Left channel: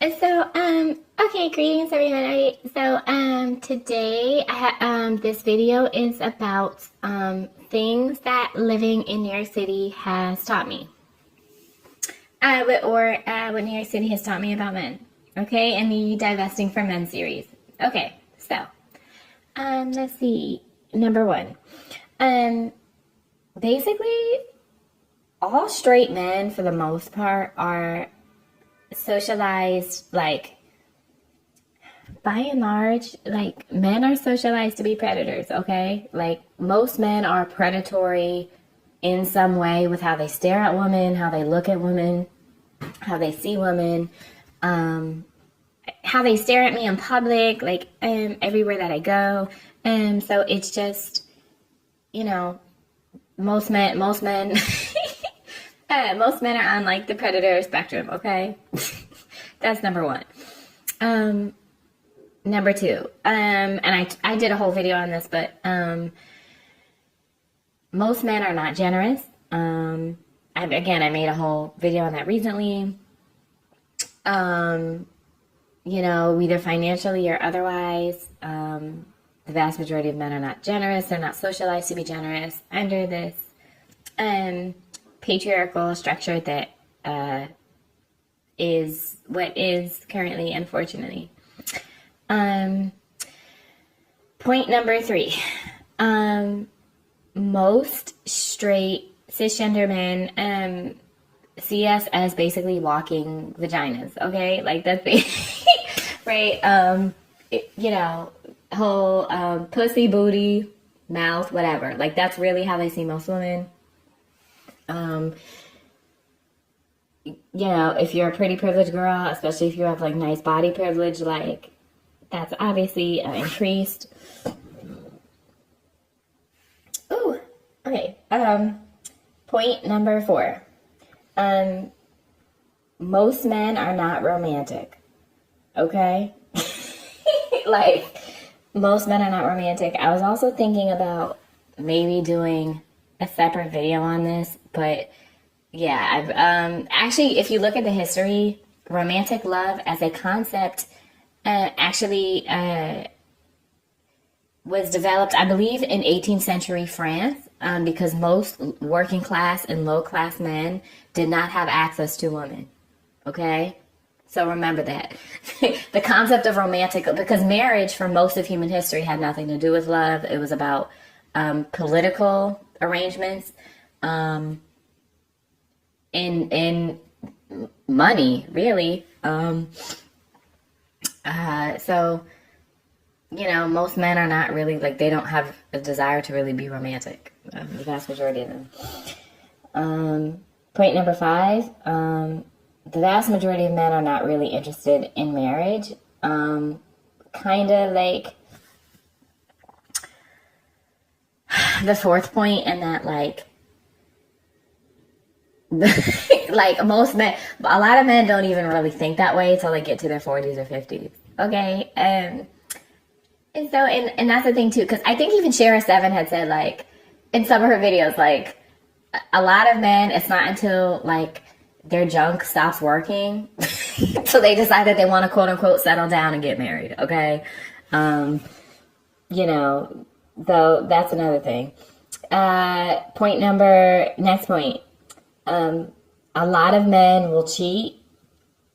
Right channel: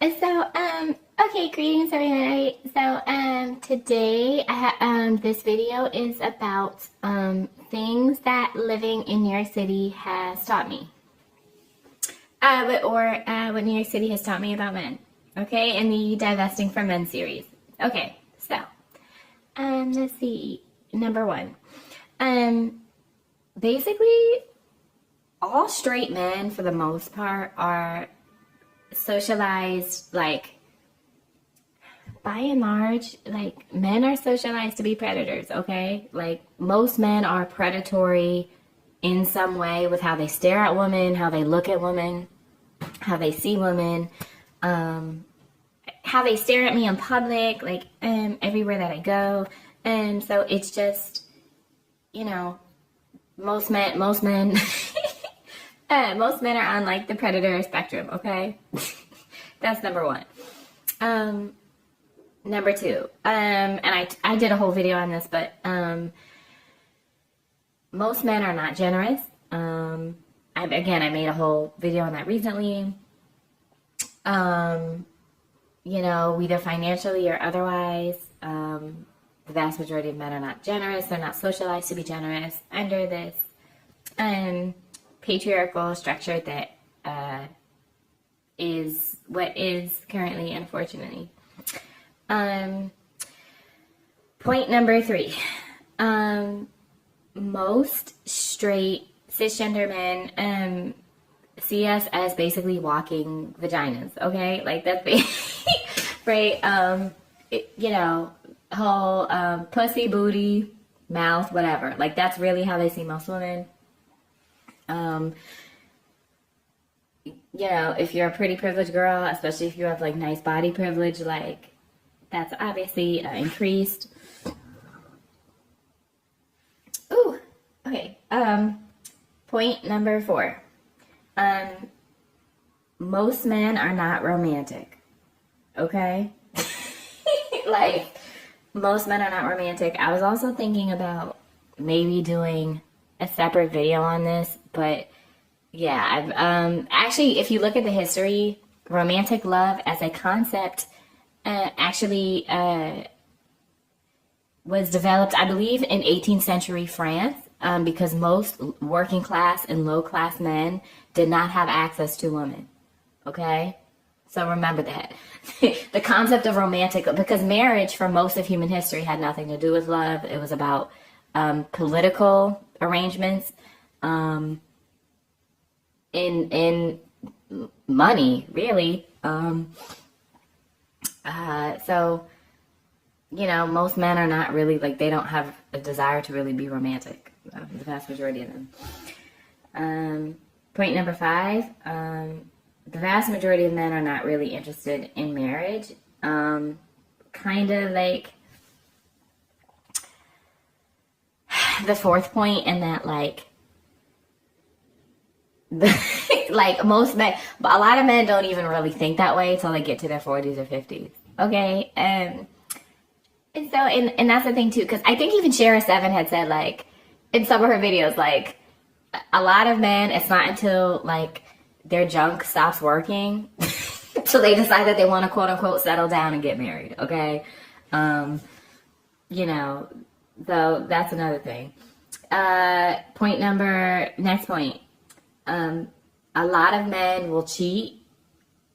Okay, greetings everybody. Today this video is about things that living in New York City has taught me, what New York City has taught me about men. Okay, in the Divesting from Men series. Okay, let's see. Number one, basically, all straight men for the most part are socialized, like, by and large, like, men are socialized to be predators, okay? Like, most men are predatory in some way with how they stare at women, how they look at women, how they see women, how they stare at me in public, like, everywhere that I go. So it's just, most men, most men are on, like, the predator spectrum, okay? That's number one. Number two, and I did a whole video on this, but most men are not generous. I made a whole video on that recently. Either financially or otherwise, the vast majority of men are not generous. They're not socialized to be generous under this patriarchal structure that is what is currently, unfortunately. Point number three. Most straight cisgender men see us as basically walking vaginas, okay? Like, that's right? Whole pussy, booty, mouth, whatever. Like, that's really how they see most women. If you're a pretty privileged girl, especially if you have, like, nice body privilege, like, that's obviously increased. Ooh, okay. Point number four. Most men are not romantic. Okay? Like, most men are not romantic. I was also thinking about maybe doing a separate video on this, but yeah, I've actually, if you look at the history, romantic love as a concept actually was developed, I believe, in 18th century France, because most working class and low class men did not have access to women. Okay? So remember that. The concept of romantic, because marriage for most of human history had nothing to do with love. It was about political arrangements, in money, really. Most men are not really, like, they don't have a desire to really be romantic. The vast majority of them. Point number five. The vast majority of men are not really interested in marriage. Kind of like the fourth point, in that, like, like, most men, a lot of men don't even really think that way until they get to their 40s or 50s. Okay? And that's the thing, too, because I think even Shara7 had said, like, in some of her videos, like, a lot of men, it's not until, like, their junk stops working so they decide that they want to, quote unquote, settle down and get married. Okay? Though that's another thing. Next point. A lot of men will cheat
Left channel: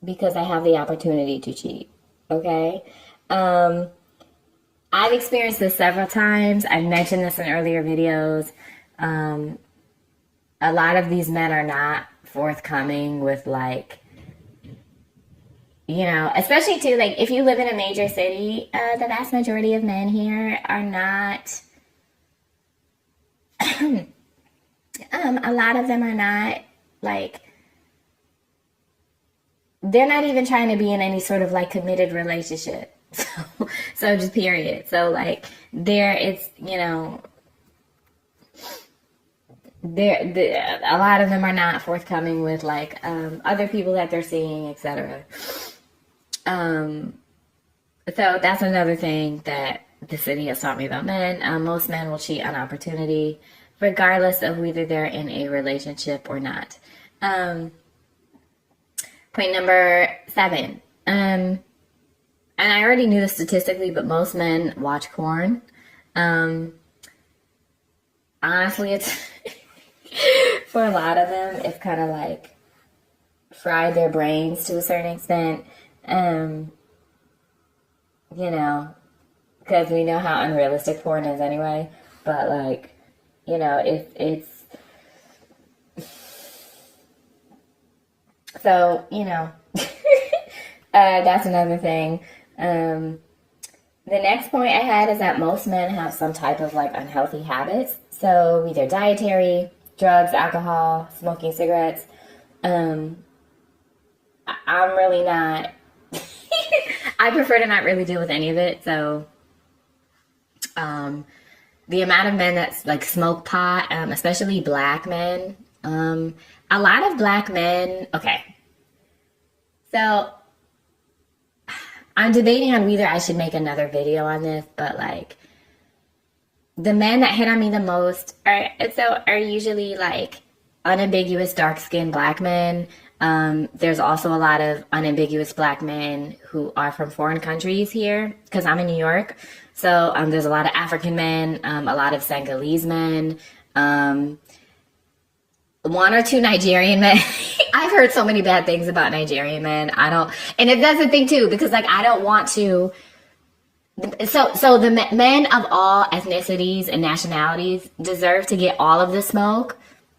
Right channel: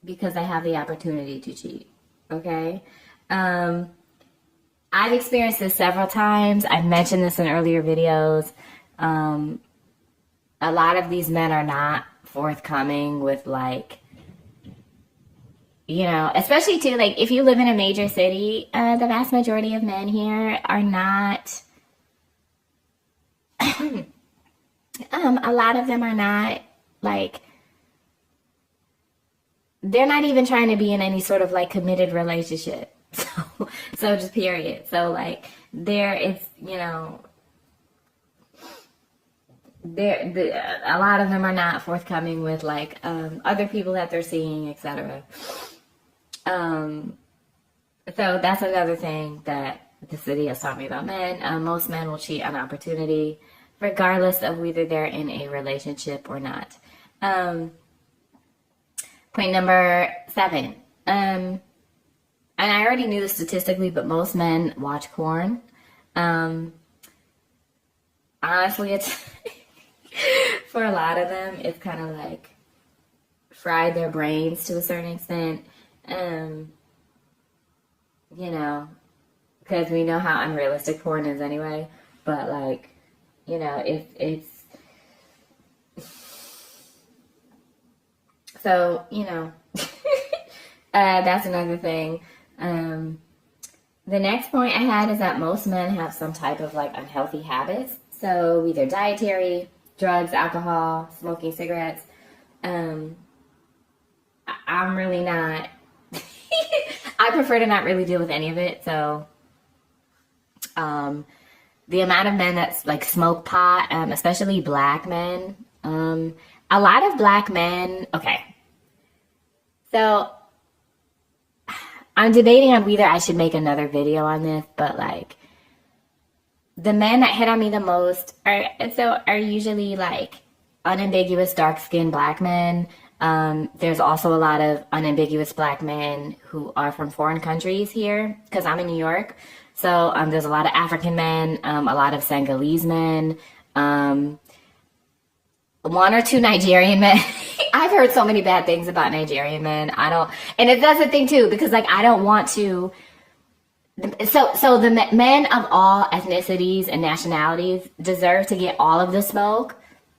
because they have the opportunity to cheat. Okay? I've experienced this several times. I've mentioned this in earlier videos. A lot of these men are not forthcoming with, like, especially too, like, if you live in a major city, the vast majority of men here are not, a lot of them are not, like, they're not even trying to be in any sort of, like, committed relationship. So just period. So, like, a lot of them are not forthcoming with, like, other people that they're seeing, etc. So that's another thing that the city has taught me about men. Most men will cheat on opportunity, regardless of whether they're in a relationship or not. Point number 7. And I already knew this statistically, but most men watch porn. Um, Honestly, it's for a lot of them, it's kind of like fried their brains to a certain extent. Um, you know, because we know how unrealistic porn is anyway. But like, it's so that's another thing. The next point I had is that most men have some type of like unhealthy habits. So either dietary, drugs, alcohol, smoking cigarettes. Um, I'm really not. I prefer to not really deal with any of it. So, the amount of men that's like smoke pot, especially black men. A lot of black men. Okay, so I'm debating on whether I should make another video on this, but like the men that hit on me the most are usually like unambiguous dark skinned black men. There's also a lot of unambiguous black men who are from foreign countries here because I'm in New York. So there's a lot of African men, a lot of Senegalese men, one or two Nigerian men. I've heard so many bad things about Nigerian men. And that's the thing too, because like I don't want to. So the men of all ethnicities and nationalities deserve to get all of the smoke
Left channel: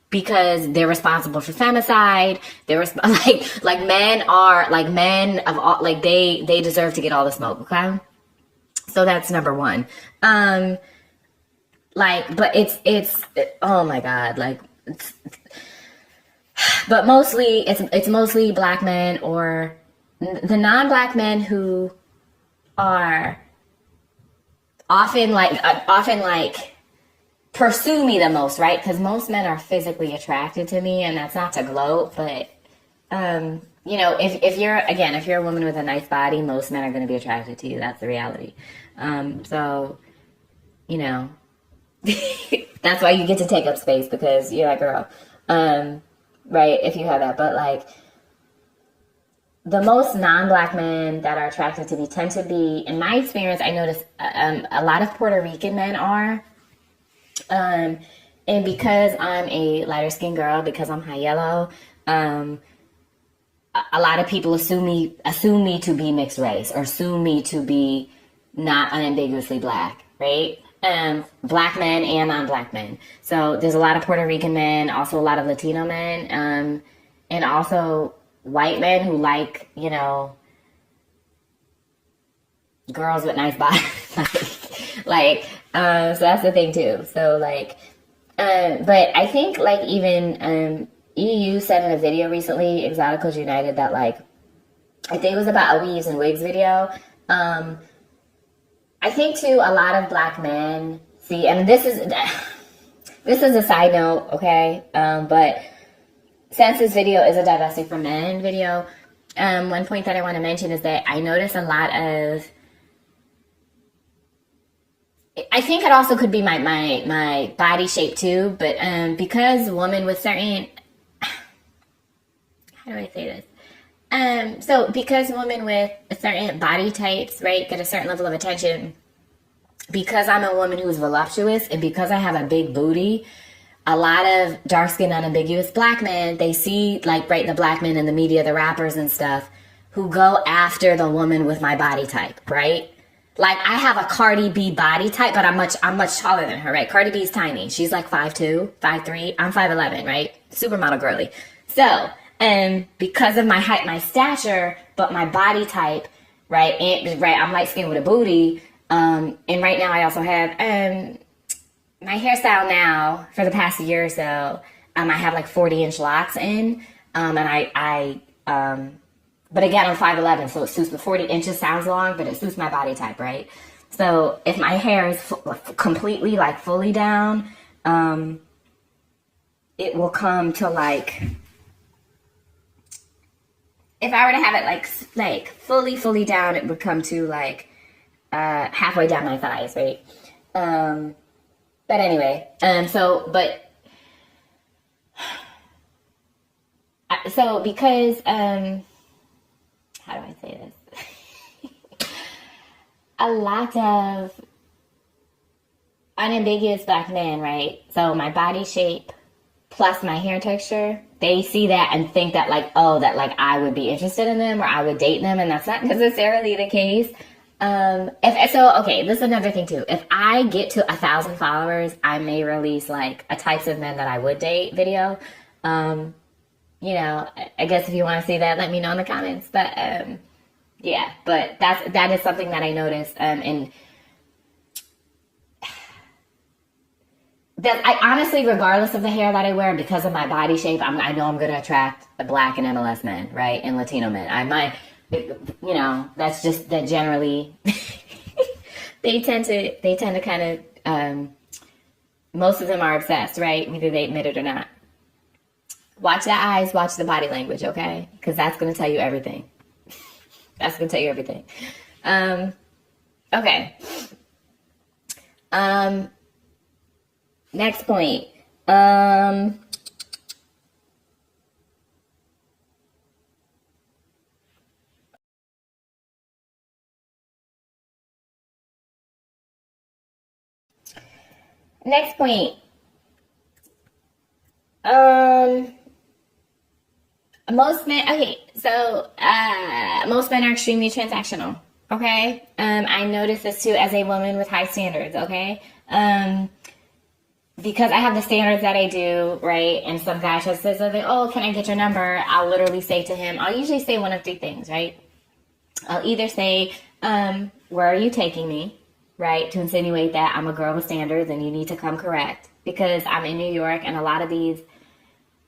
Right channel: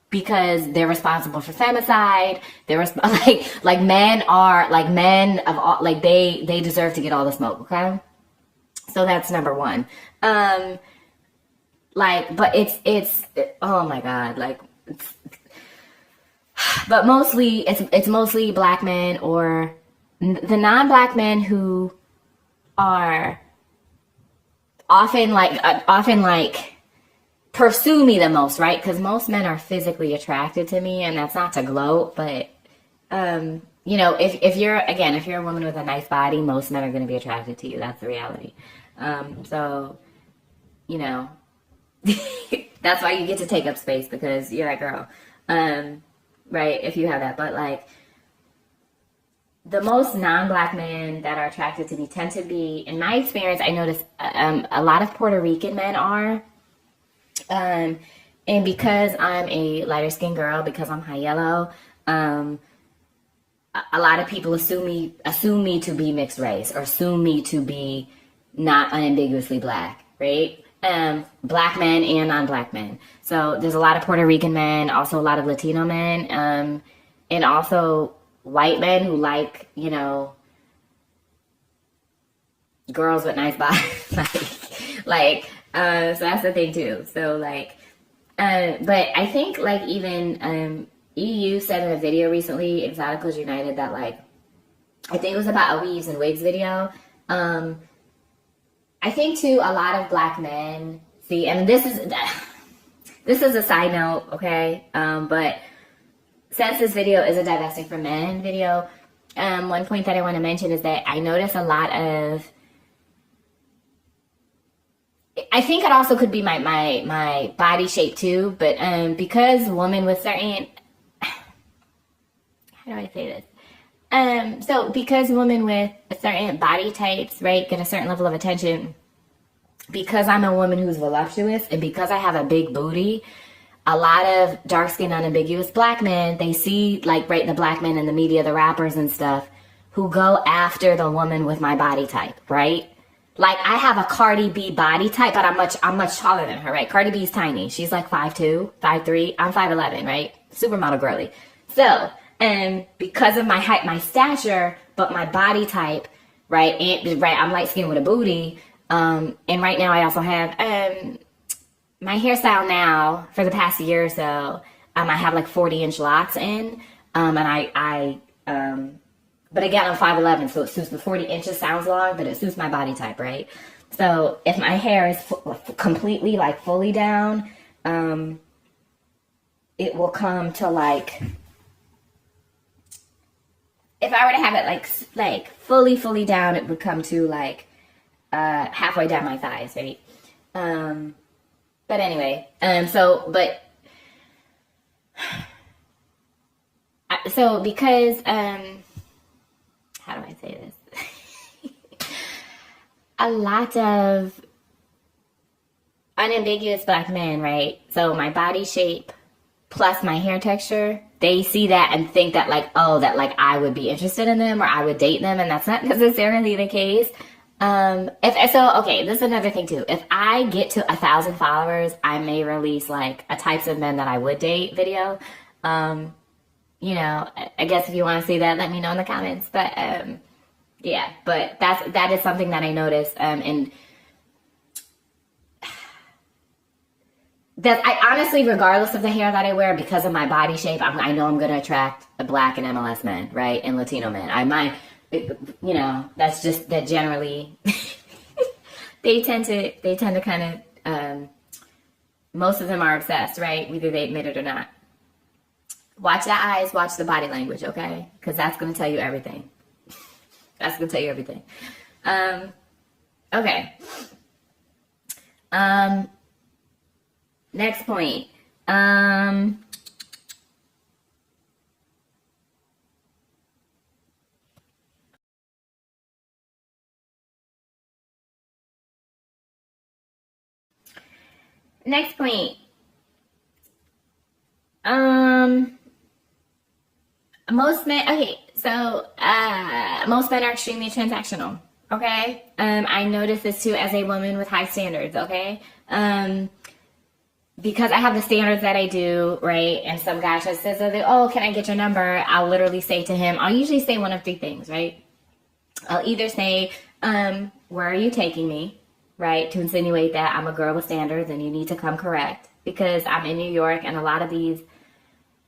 because they're responsible for femicide. They're like men are like men of all like they deserve to get all the smoke. Okay, so that's number one. But it's oh my god, like. But mostly it's mostly black men or the non-black men who are often like pursue me the most, right? Because most men are physically attracted to me, and that's not to gloat, but if you're a woman with a nice body, most men are going to be attracted to you. That's the reality. So that's why you get to take up space because you're that girl. Right, if you have that. But like the most non-black men that are attracted to me tend to be, in my experience, I noticed a lot of Puerto Rican men are. And because I'm a lighter skinned girl, because I'm high yellow, a lot of people assume me to be mixed race or assume me to be not unambiguously black, right? Black men and non-black men. So there's a lot of Puerto Rican men, also a lot of Latino men, and also white men who like, girls with nice bodies. So that's the thing too. So like, but I think like even EU said in a video recently, Exoticals United, that like, I think it was about a weaves and wigs video. I think too, a lot of black men see, and this is a side note, okay? But since this video is a Divesting for Men video, one point that I want to mention is that I notice a lot of, I think it also could be my body shape too, but because women with certain, how do I say this? So because women with certain body types, right, get a certain level of attention, because I'm a woman who's voluptuous and because I have a big booty, a lot of dark-skinned, unambiguous black men, they see like, right, the black men in the media, the rappers and stuff, who go after the woman with my body type, right? Like I have a Cardi B body type, but I'm much taller than her, right? Cardi B's tiny. She's like 5'2", 5'3". I'm 5'11", right? Supermodel girly. So, and because of my height, my stature, but my body type, right? And right, I'm light skinned with a booty. And right now I also have my hairstyle now for the past year or so. I have like 40-inch locks in, but again, I'm 5'11", so it suits the 40 inches sounds long, but it suits my body type, right? So if my hair is completely like fully down, it will come to like, if I were to have it like fully down, it would come to like halfway down my thighs, right? But anyway, so because how do I say this? a lot of unambiguous black men, right? So my body shape plus my hair texture, they see that and think that like, oh, that like I would be interested in them or I would date them, and that's not necessarily the case. If so, okay, this is another thing too. If I get to 1,000 followers, I may release like a types of men that I would date video. You know, I guess if you want to see that, let me know in the comments. But yeah, but that is something that I noticed, and that I honestly, regardless of the hair that I wear, because of my body shape, I know I'm going to attract the black and MLS men, right, and Latino men. I might, you know, that's just that generally they tend to kind of most of them are obsessed, right, whether they admit it or not. Watch the eyes, watch the body language, okay, because that's going to tell you everything. That's going to tell you everything. Okay. Next point. Next point. Most men. Okay, so most men are extremely transactional. Okay. I notice this too as a woman with high standards. Okay. Because I have the standards that I do, right? And some guy just says, oh, can I get your number? I'll literally say to him, I'll usually say one of three things, right? I'll either say, where are you taking me? Right? To insinuate that I'm a girl with standards and you need to come correct. Because I'm in New York and a lot of these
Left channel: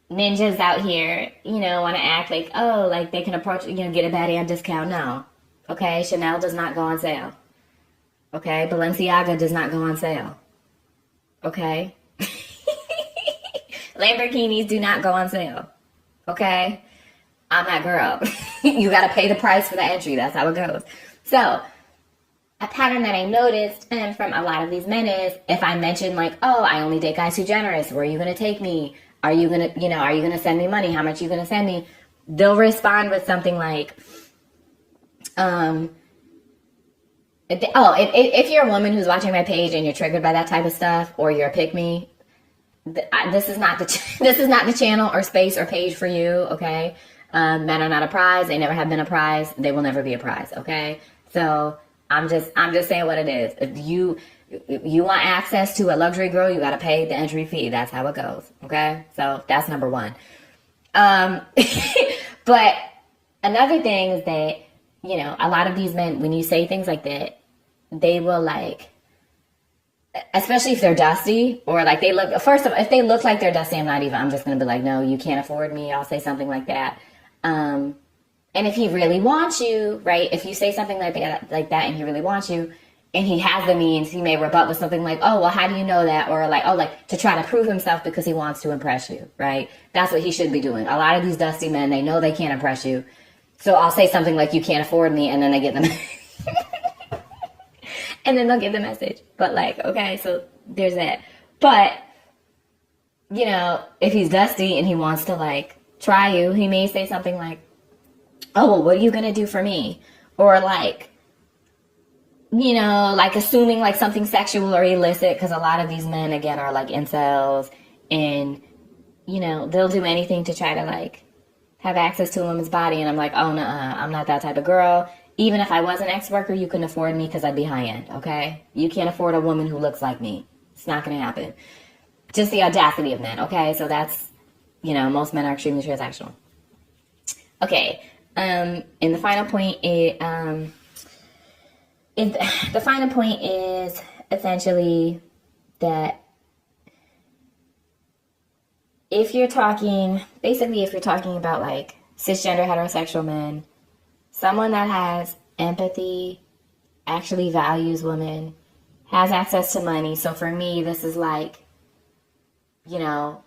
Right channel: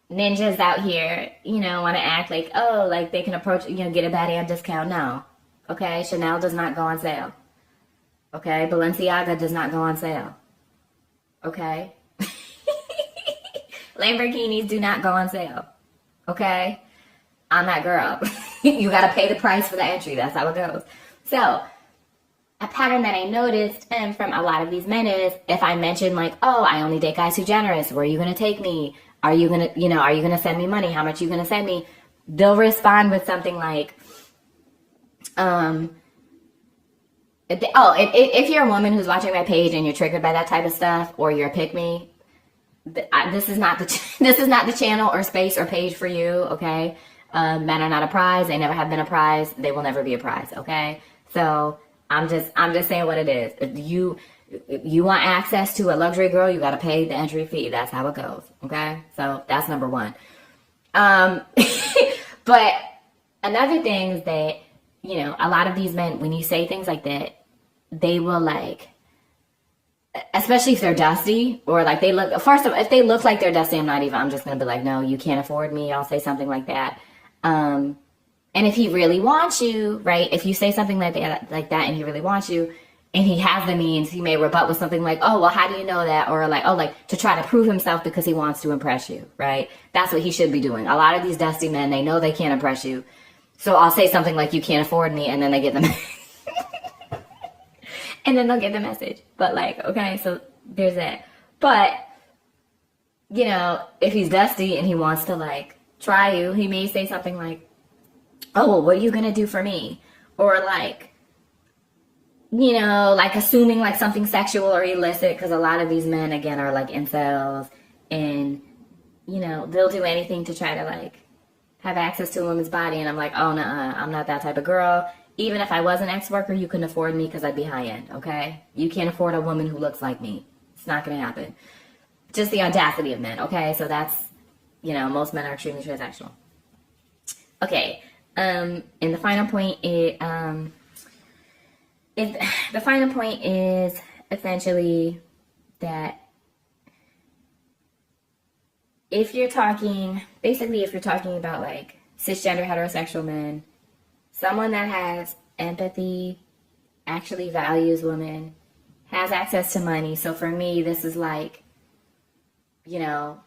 ninjas out here, you know, want to act like, oh, like they can approach, you know, get a baddie on discount. No. Okay? Chanel does not go on sale. Okay? Balenciaga does not go on sale. Okay? Lamborghinis do not go on sale. Okay? I'm that girl. You gotta pay the price for the entry. That's how it goes. So, a pattern that I noticed and from a lot of these men is if I mention like, oh, I only date guys who are generous. Where are you gonna take me? Are you gonna send me money? How much are you gonna send me? They'll respond with something like, if you're a woman who's watching my page and you're triggered by that type of stuff, or you're a pick me, this is not the channel or space or page for you. Okay, men are not a prize. They never have been a prize. They will never be a prize. Okay, so I'm just saying what it is. If you want access to a luxury girl, you got to pay the entry fee. That's how it goes. Okay, so that's number one. But another thing is that, you know, a lot of these men, when you say things like that, they will like, especially if they're dusty or like they look, first of all, if they look like they're dusty, I'm just going to be like, no, you can't afford me. I'll say something like that. And if he really wants you, right, if you say something like that and he really wants you and he has the means, he may rebut with something like, oh, well, how do you know that? Or like, oh, like to try to prove himself because he wants to impress you, right? That's what he should be doing. A lot of these dusty men, they know they can't impress you. So I'll say something like, you can't afford me, and then they get the and then they'll get the message. But like, okay, so there's that. But, you know, if he's dusty and he wants to like try you, he may say something like, oh, well, what are you gonna do for me? Or like, you know, like assuming like something sexual or illicit, because a lot of these men, again, are like incels, and, you know, they'll do anything to try to like have access to a woman's body. And I'm like, oh, no, I'm not that type of girl. Even if I was an ex-worker, you couldn't afford me because I'd be high-end, okay? You can't afford a woman who looks like me. It's not going to happen. Just the audacity of men, okay? So that's, you know, most men are extremely transactional. Okay, and the final point is essentially that if you're talking about like cisgender heterosexual men, someone that has empathy, actually values women, has access to money. So for me, this is like, you know,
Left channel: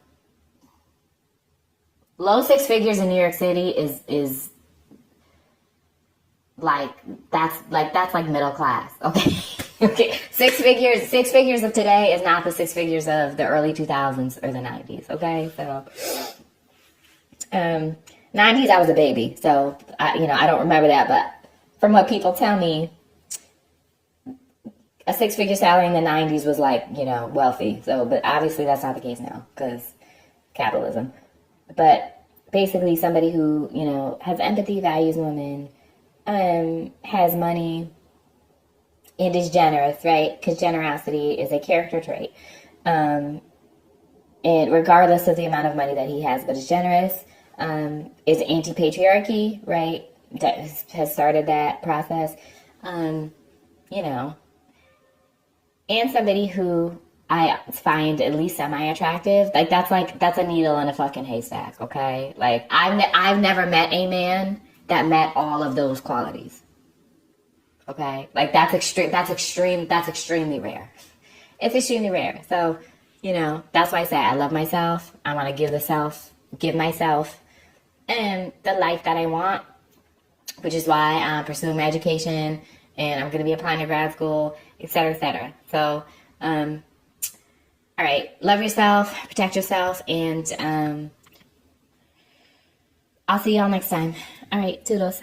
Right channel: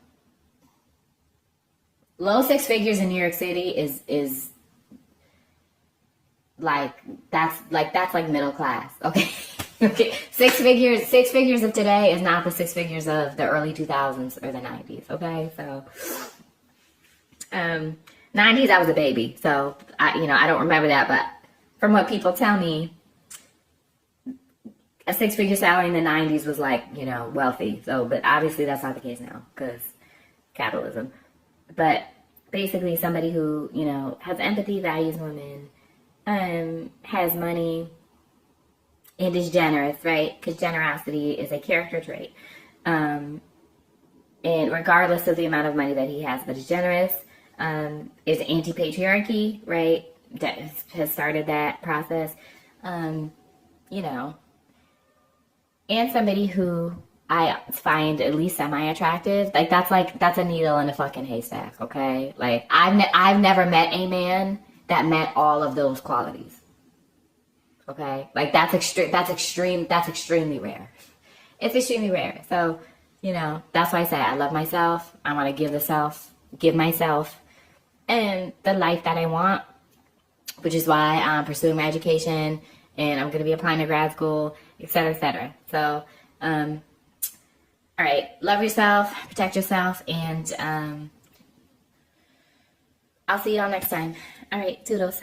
low six figures in New York City is like, that's like middle class. Okay. Okay. Six figures of today is not the six figures of the early 2000s or the 90s. Okay. So, 90s, I was a baby. So I don't remember that, but from what people tell me, a six-figure salary in the 90s was like, you know, wealthy. So, but obviously that's not the case now because capitalism. But basically somebody who, you know, has empathy, values women, has money, and is generous, right? Because generosity is a character trait. And regardless of the amount of money that he has, but is generous, is anti-patriarchy, right? That has started that process. You know, and somebody who I find at least semi-attractive. That's a needle in a fucking haystack, okay? Like, I've never met a man that met all of those qualities. Okay? Like, that's extremely rare. It's extremely rare. So, you know, that's why I said I love myself. I want to give myself and the life that I want, which is why I'm pursuing my education and I'm going to be applying to grad school, et cetera, et cetera. So, all right, love yourself, protect yourself, and I'll see y'all next time. All right, toodles.